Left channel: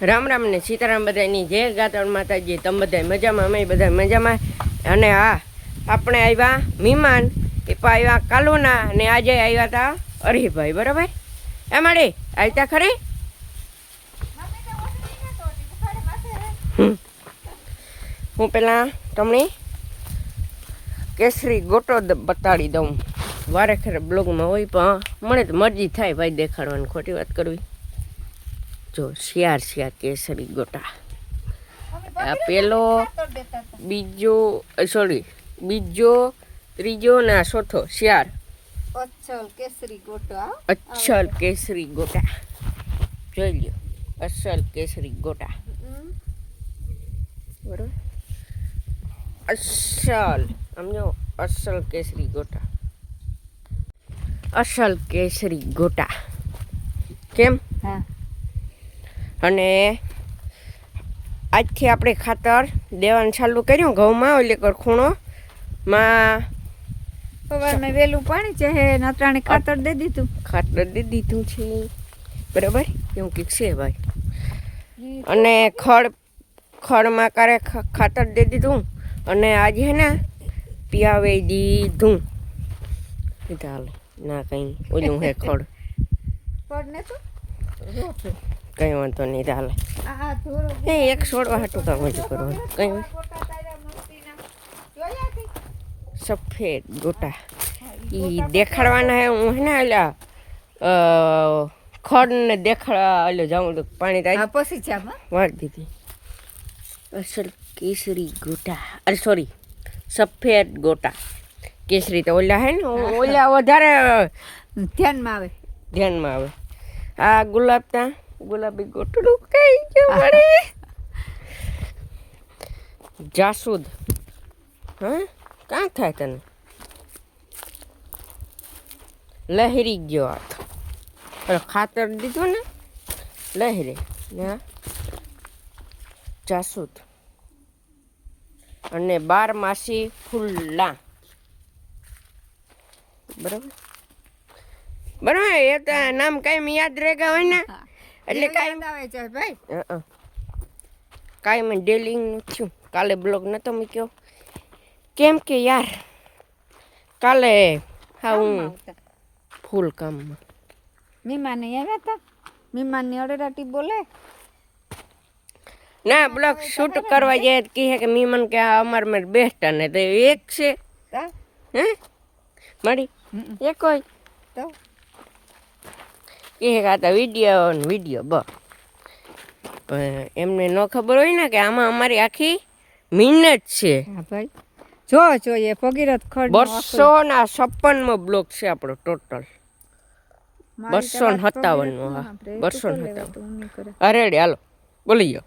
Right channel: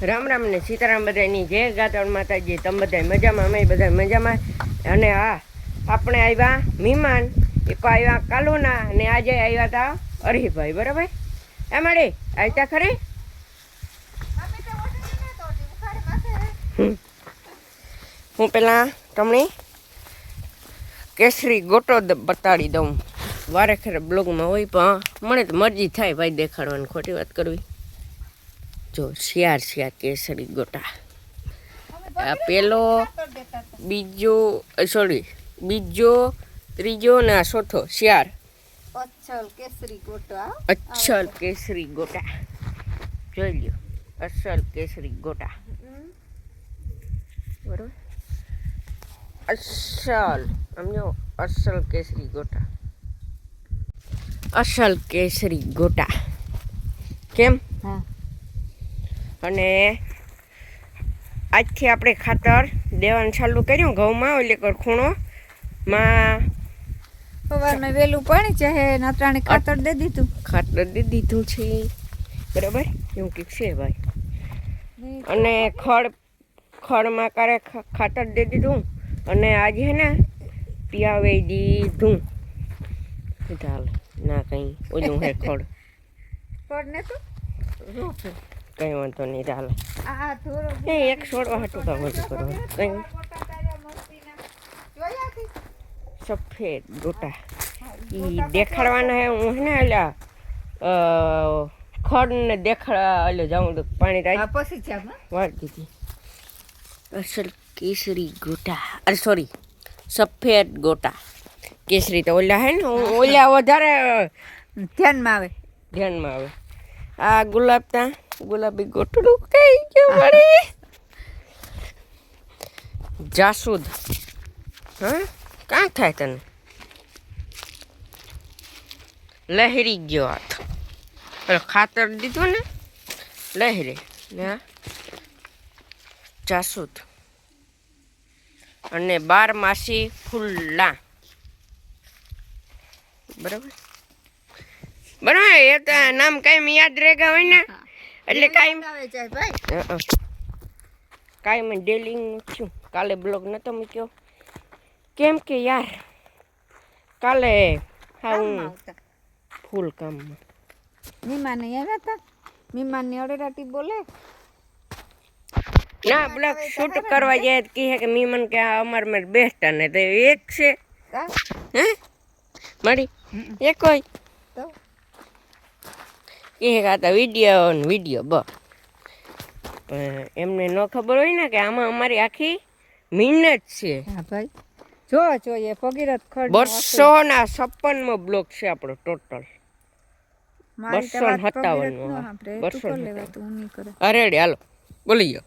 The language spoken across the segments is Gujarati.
રામ રામ ને સીતારામ બધાની જય ગાતણ માતાજી. તમે બધા મજામાં? અમે બધા મજામાં. અને હા, આપણે આવ્યા મહેમાન પણ આવ્યા કાલુના અને આજે આવ્યા હતા અરીભાઈ બરાબર? એ માડી આવતા ખરી? હું પેલા તમને કેસરી ગોટો બતાડી દઉં. વારે ખરે બ્લોગમાં હોય પણ મને તો મરજી થાય ભાઈ દેખાડવાની, ખોટી વાત કરવી. જો શિયાર શિયાર કેસરી ગોટા. આ પેલો બીજો સોરી બીજો ત્રીજો ને ચોથો શિયાર અચ્છલ કેસરી ગોટા. અચ્છલ કેસરી ગોટા. જોઈ લ્યો અસલ કેસરી ગોટા. બરોબર? અસલ સમજો અસલ કેસરી ગોટા. અસલ કેસરી ગોટા. કેમ? હા. અને આજથી આપણે ખાતર દેવાનું ચાલુ કર્યું. ઘઉંમાં એટલે કર ખૂણો. માં સવારમાં વેલું પાણી ચાહે નાતરાણે ખાતર દે દીધું. ખાતર દે દીધું છે. બરાબર? એવું કંઈક છે ભાઈ. અને ખડ ખડમાં કરે ખાતર દે દીધું. અને આજે હે ને પિયાવે દીધું. કીધું ના કંઈ. ઓલું હે ખડ. ખડ ને તો? કંઈ વાંધો નહીં ચાલો એ એક છોડવા હાટું કામ બધું કરવાનું કંઈ સફેદ ગોટા. એ દેખાડવાના હે હું હે ને એટલે ખડ ને દેખાડ એટલે જાઉં તો પાણી થાય. પછી વાળી દીધી. અસલ કેસરી ગોટા. અરે સોરી સફેદ ગોટા. કેસરી તો ઓલા હે ને ઓલા વધારે ધ્યાનમાં આવે. ધ્યાનમાં આવે. આ ગુલાબના ગુલાબી ગોટડું કઈ ગયું મારે જાસૂદ, હ? કાં થાય તને? લહેરી ગયો હાથ. અરે ખાતર દીધું ને? લહેરી, ને જાસૂદ. અને બાર માસી ખુલ્લા બરાબર? બરાબર, એ તો નામ કાયમ યાદ રહેગા હોય ને? એટલે કાયમ કાયમ ડેલિંગ થયું. કાલે બ્લોગ નતો મૂક્યો. કેમ કે યાર કાલે હા હું ફૂલ કામમાં. મહેમાન આવ્યા હતા મહેમાનની અડેરાટી બોલે? ના બ્લોગ શૂટ કરવા જાય કહે કે મહેમાન કે આ અમાર મેં બેસતા ને તો એક છે. હે? મારી? એક હોય. તો? કહે કાતા વીડિયો ને વીડિયો બ એમને ન ખબર હોય ને કે આમાં અમારી આખી મહેનત છે. હા ભાઈ. જો જોઈએ ભગીરથ ખડ બસો ના છપ્પનમો બ્લોક છે આપણો ટોટલ બસો ને સત્તાવન નો બસો ને સત્તાવન. અરે હાલો. બોલી ગયો.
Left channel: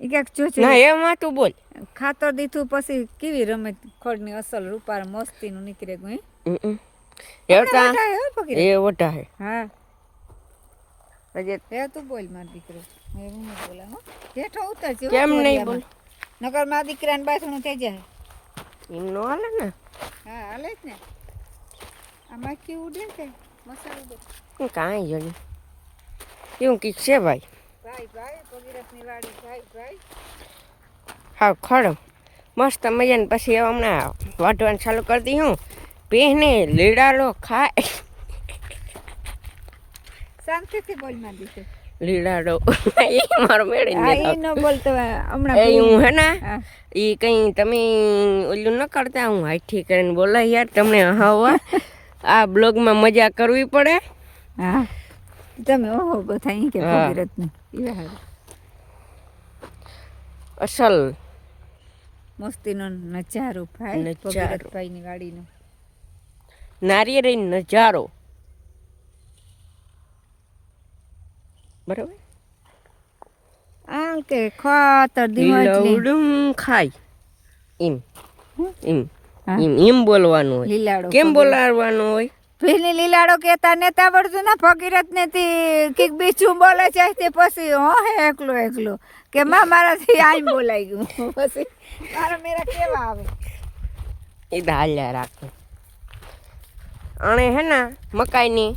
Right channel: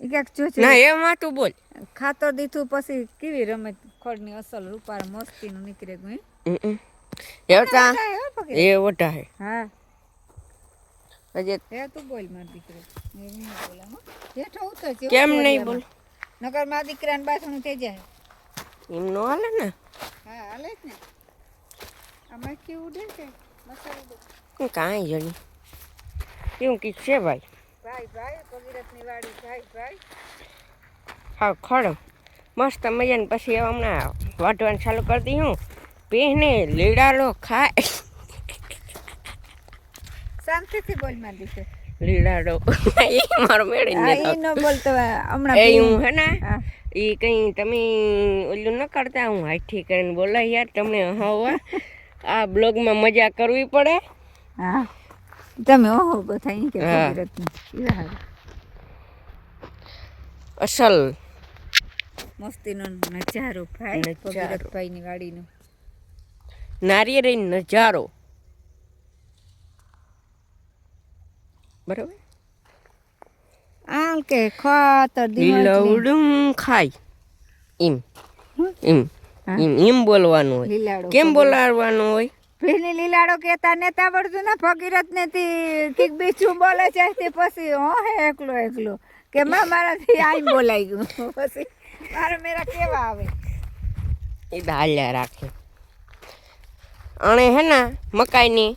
જો ના એમાં તું બોલ. ખાતર દીધું પછી કેવી રમે? ખોડની અસલ રૂપાર મસ્તીનું નીકળે ગયું એ તા એ વટા હે. હા. હજી હે તું બોલ માર દીકરી. એ હું નહીં હો. જેઠો ઉતર જેવું કેમ નહીં બોલ? નકર મારા દીકરાને બાથણું થઈ જાય. એમ નો હાલે ને? હા હાલે જ ને. આ માખી ઉડે છે મસાલો ઉડે કાંઈ જોઈ એવું કીક છે ભાઈ. ભાઈ ભાઈ ભગીરથની વાડી. ભાઈ ભાઈ. હા ખડો. મસ્ત મજાને પછી હમણાં વાઢવાનું ચાલુ કરી દી હું. પીને લીડાલો ખાય. શાંતિથી બોલ એ મારો મેળે આ ઈ ન બોલતો હમણાં એ હું હે ને એ કઈ તમે ઓલું ન કરતા હું હાઈઠી કરીને બોલાય યાર તમને હવા. આ બ્લોગમાં મજા કરવી પડે. હા. તમે ઓહો બધા ઈ કે. ભગીરથની. અસલ. મસ્તીનો નજારો ભાઈ. ભગીરથભાઈની વાડીનો. નારિયેળી નજારો. બરાબર? આમ કે ખાતર ઉડું ખાય. એમ. એમ. એમ. એમ બોલવાનું હોય. લીલાડો કેમ બોલાવવાનું હોય? પેલી લીલાડો કેતા નેતા પડતું ને ફકીરત ને કંઈક બીજું બોલે છે તે પછી હો હે એકલો એકલો. કે માં મારાથી આઈ બોલાઈ ગયું. પછી મારા મેરા કેવા આવે? એ તો હાલ્યા રાખે. અને હે ને મકાઈની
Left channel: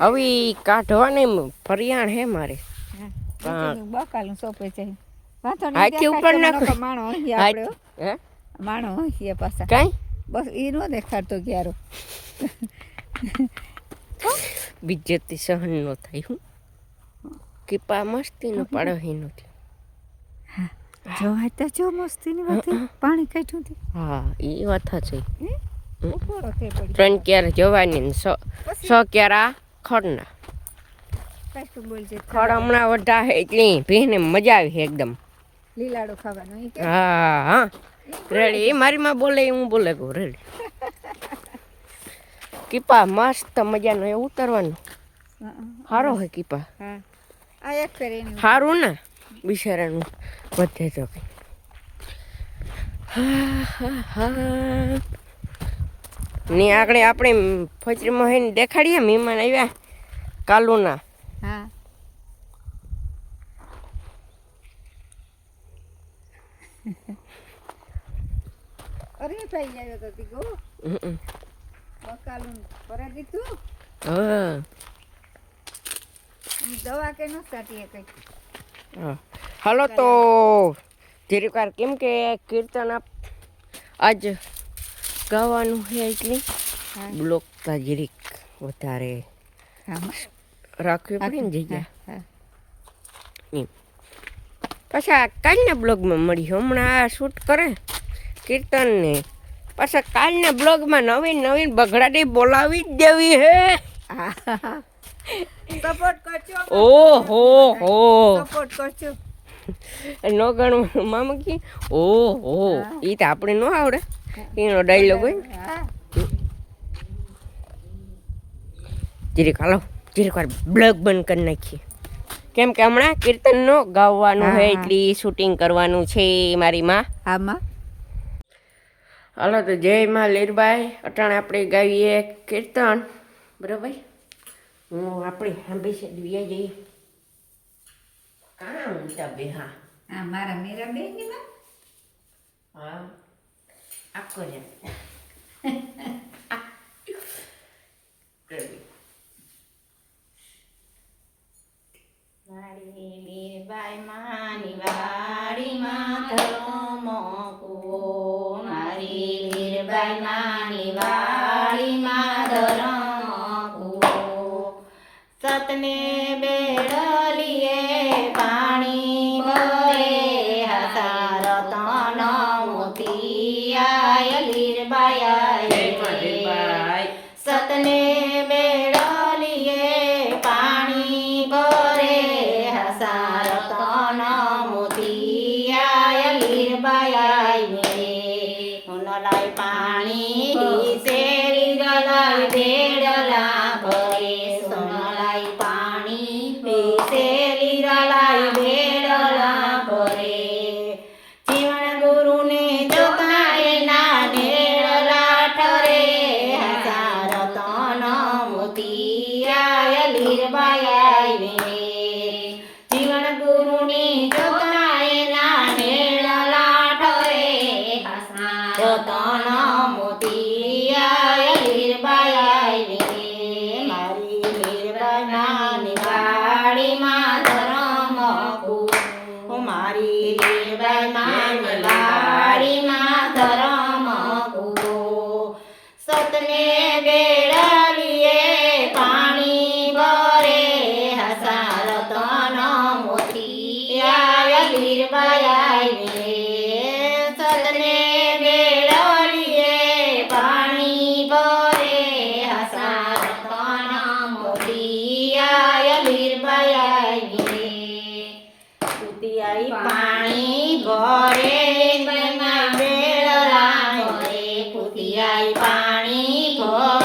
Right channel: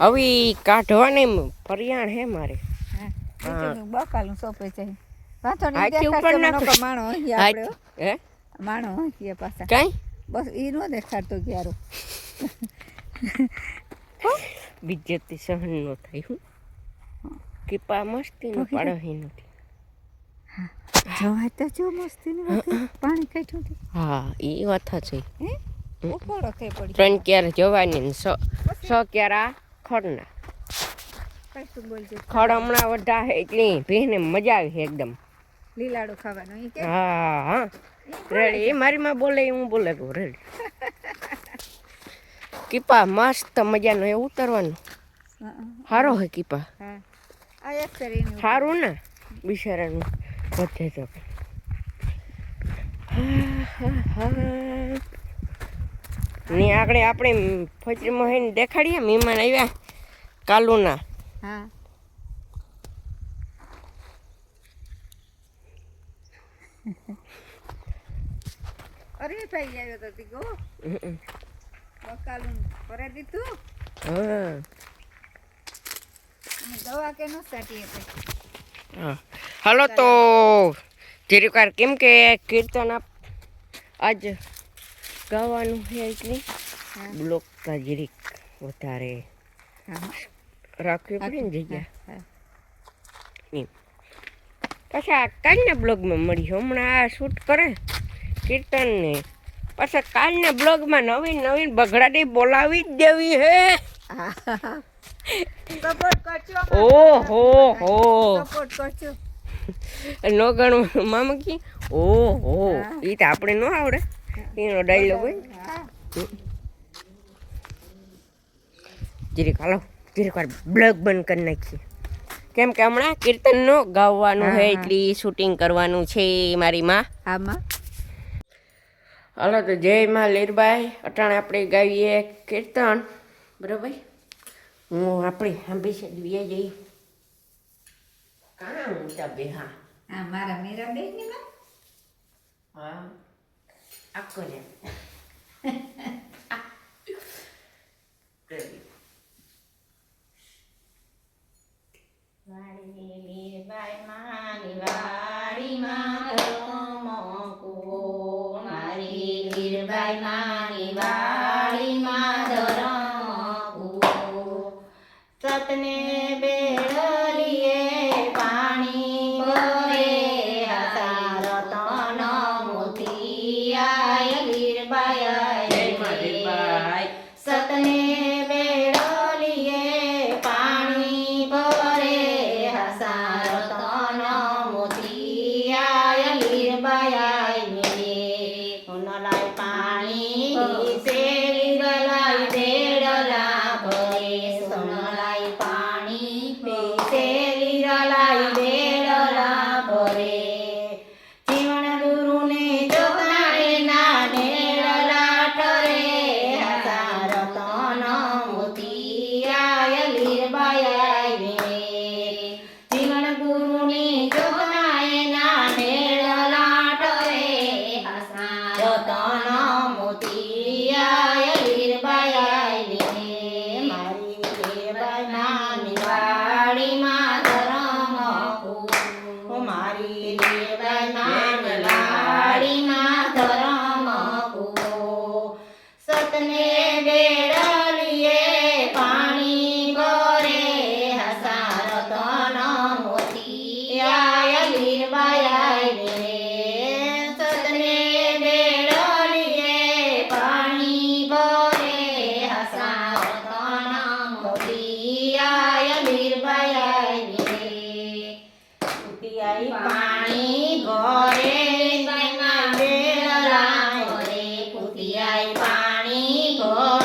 હવે કાઢવાની ફરિયાણ હે મારે. બકાલું સોંપે છે. વાંધો ઉપર નાખો. માણો અહીં આપણે હે. માણો અહીં પાછા. કાંઈ? બસ એ નો દેખાડતો ક્યારો. બીજેથી સહન નો થાય હું. કૃપા મસ્તી નો પાડો હે. નથી જોવા તો જો મસ્તી ની વાત પાણી કાઢ્યું હતી હા એ વાત છે ત્રણ ક્યારે જવાની સો સ ક્યારા? ખડના. ખડ હમણાં વધા છે એટલી ભીને મજા આવી છે એકદમ. લીલાડો ખાવાનો હા હા. રેડી એ મારી માં બોલે હું બોલે કહું રેડી. કીપા મસ્ત મજાનો એ ઉતરવાનું. સારો હે. કીપા. સારું ને? બિચારાનું. વધે તો. હા, હા, હા. ને આગળ આપણે ફજરીમાં હે દેખાડીએ મહેમાન આવ્યા કાલુના. હા. અરે ભાઈ આવ્યો તો તીગો હમ. બકાલું ફરે દીધું હા. દવા કે નો સાટી હતી હા. હાલો તો ધીરેકાર કેમ કે કીર્તન આપ આજ ગાવાનું છે એટલે બ્લોક તાજરીક વધારે હા. રાખવી પડે ને જગ્યા. હા. એમ. પાછા કાલના બ્લોગમાં મળી હમણાં આ શૂટ કરે કીર્તન ને. પાછા કાલના બ્લોગમાં નવીન નવીન બગડાટી બોલાવી જ દેવી હે. સપોર્ટ કરજો ઓહો હો. સપોર્ટ કરજો. નો ગણું મામા કી? ઓહો એ તો આપણે ન આવડે. એનો ડાયલોગ હોય. હા જીરીક હાલો. જીરીક વાર બ્લોગ બંધ કરી નાખીએ. કેમ કે હમણાં કીર્તન નો ગાવાનું છે એટલી શૂટિંગ કરવાનું છે મારી માં. આમાં હાલો તો જય માં લીરબાઈ. અટાણે આપણે ગાવીએ કીર્તન. બરાબર હું આપણી હાંભી છે દિવ્યા જઈ. કાં ઊંઘતા બે હા આ મારા મીરા બેન ની માં હા આખો ને સતને પાણી ભરે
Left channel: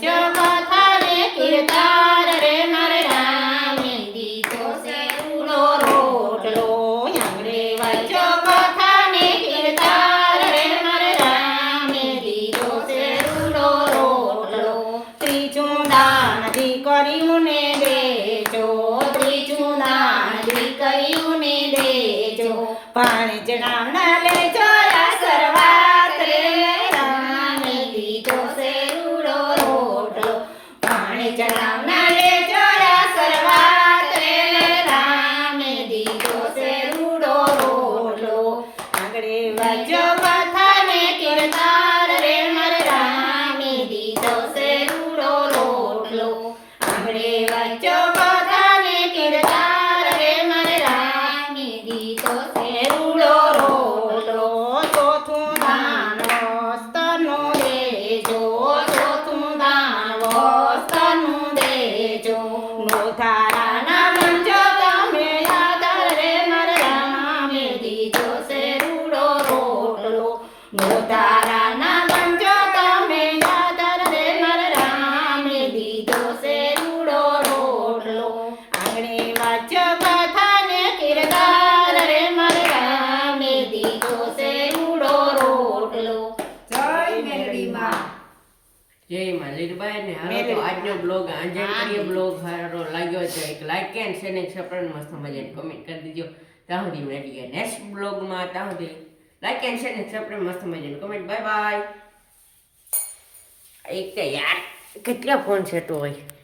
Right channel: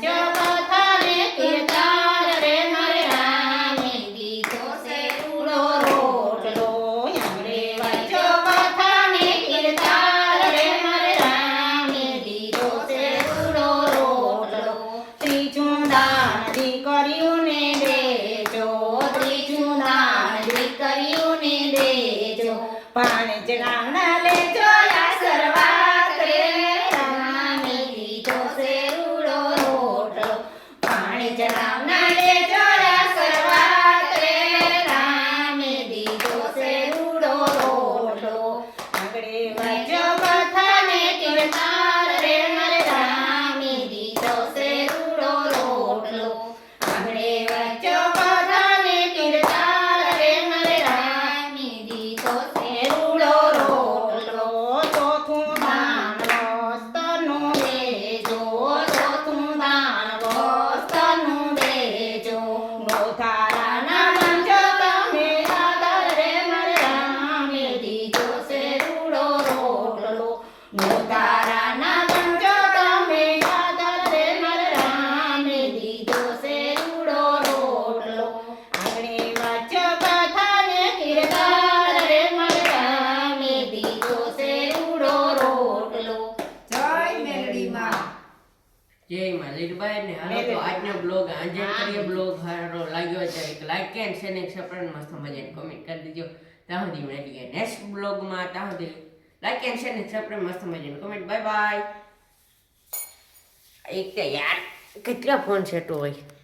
yo હીરબાઈ ને હાલો તો આજનો બ્લોગ આંજણ કરીએ બ્લોગ હારો લાગ્યો છે એક like and share and subscribe મસ્ત મજાની કોમેન્ટ કરી દીજો. ત્યાં સુધી મળીએ નેક્સ્ટ બ્લોગમાં ત્યાં સુધી લાઈક એન્ડ શેર એન્ડ મસ્ત મજાની કોમેન્ટ બાય બાય એક યાર કેટલા ફોન સેટો હોય?